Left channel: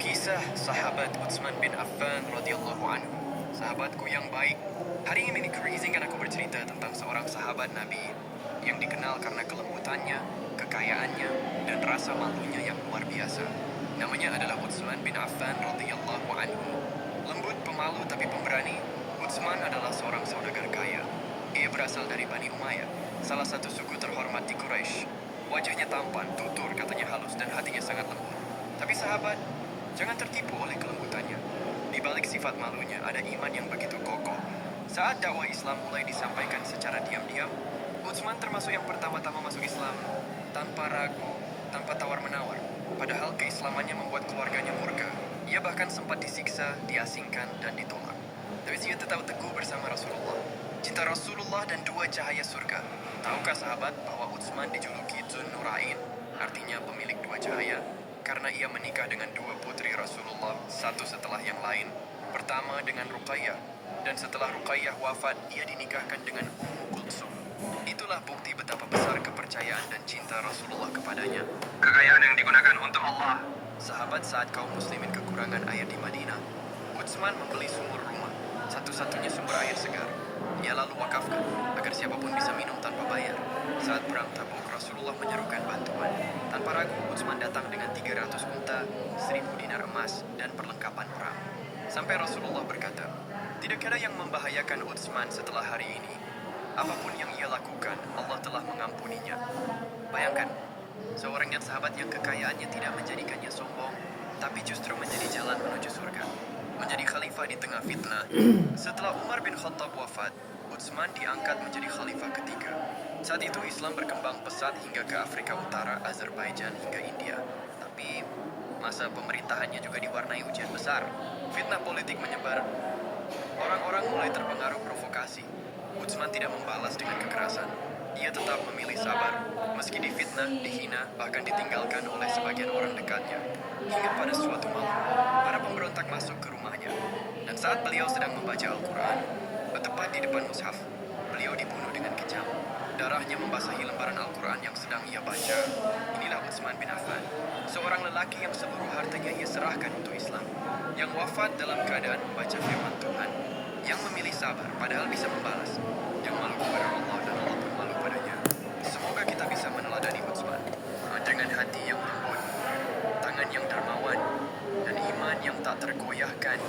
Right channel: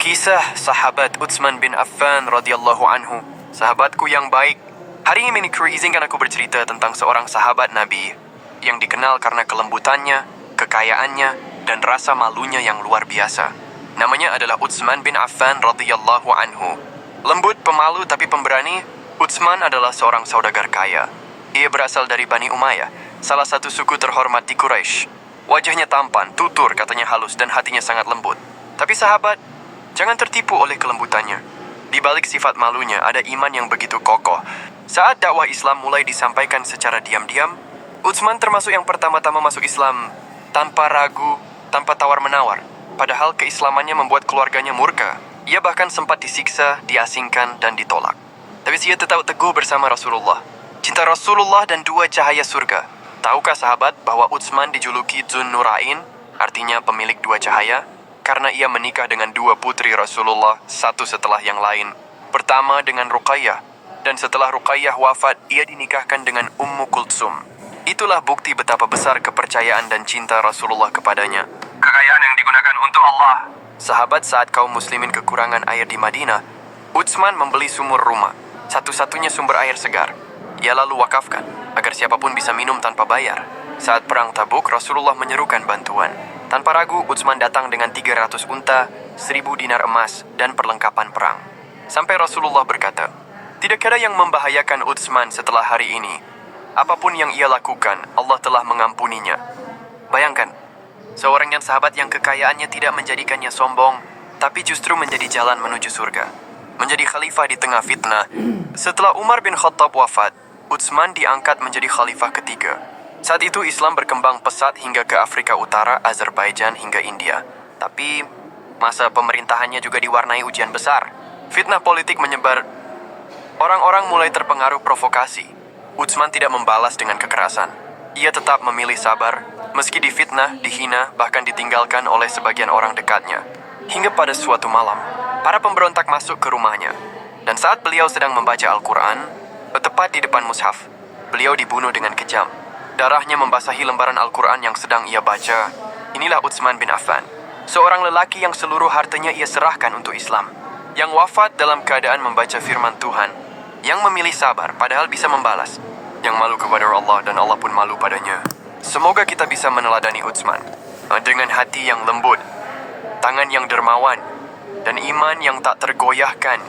Kisah sahabat Utsman bin Affan radhiyallahu anhu, sahabatku yang baik. Hari ini minikru izinkan aku bercerita tentang seorang sahabat Nabi yang dikenal karena kelembutannya, kekayaannya, dan rasa malunya yang luar biasa. Namanya adalah Utsman bin Affan radhiyallahu anhu. Lembut, pemalu, tapi pemberani, Utsman adalah seorang saudagar kaya. Ia berasal dari Bani Umayyah, salah satu suku terhormat di Quraisy. Wajahnya tampan, tutur, katanya halus, dan hatinya sangat lembut. Tapi sahabat, jangan tertipu oleh kelembutannya. Di balik sifat malunya ada iman yang begitu kokoh. Saat dakwah Islam mulai disampaikan secara diam-diam, Utsman termasuk yang pertama-tama masuk Islam tanpa ragu, tanpa tawar-menawar. Padahal keislamannya membuat keluarganya murka. Ia bahkan sempat disiksa, diasingkan, dan ditolak. Tapi ia tetap teguh bersama Rasulullah. Cinta Rasulullah dan dua cahaya surga. Tahukah sahabat bahwa Utsman dijuluki Dzun Nurain, artinya pemilik dua cahaya? Karena ia menikah dengan dua putri Rasulullah, satu setelah yang lain. Pertama dengan Ruqayyah, dan setelah Ruqayyah wafat, ia dinikahkan dengan Ummu Kultsum. Itulah bukti betapa besar kepercayaan dan cinta Rasulullah kepadanya. Kekayaan yang digunakan untuk Allah. Sahabat, saat kaum muslimin kekurangan air di Madinah, Utsman membeli sumur rumah, satu-satunya sumber air segar. Ia lalu wakafkan, agar siapapun bisa minum tanpa bayar. Saat perang Tabuk, Rasulullah menyerukan bantuan. Tanpa ragu, Utsman datang dengan 300 unta, 1000 dinar emas, dan perlengkapan perang. Sampai Rasulullah berkata, tidak ada yang membahayakan Utsman setelah hari ini. Apapun yang ia lakukan, Allah telah mengampuninya. Bayangkan, seorang yang sahabat yang kekayaannya tidak menjadikannya sombong, tapi justru menjadi jalan menuju surga. Menjadi khalifah di tengah fitnah. Setelah Umar bin Khattab wafat, Utsman diangkat menjadi khalifah ketiga. Saat itu Islam berkembang pesat hingga ke Afrika Utara, Azerbaijan, hingga India. Tapi masa pemerintahannya juga diwarnai ujian besar. Fitnah politik menyebar. Orang-orang mulai terpengaruh provokasi. Utsman tidak membalas dengan kekerasan. Ia tetap memilih sabar, meski difitnah, dihina, bahkan ditinggalkan oleh sebagian orang dekatnya. Hingga pada suatu malam, para pemberontak masuk ke rumahnya. Dan saat beliau sedang membaca Al-Quran, tepat di depan mushaf, beliau dibunuh dengan kejam. Darahnya membasahi lembaran Al-Quran yang sedang ia baca. Inilah Utsman bin Affan, seorang lelaki yang seluruh hartanya ia serahkan untuk Islam, yang wafat dalam keadaan membaca firman Tuhan, yang memilih sabar padahal bisa membalas, yang malu kepada Allah dan Allah pun malu padanya. Semoga kita bisa meneladani Utsman dengan hati yang lembut, tangan yang dermawan, dan iman yang tak tergoyahkan.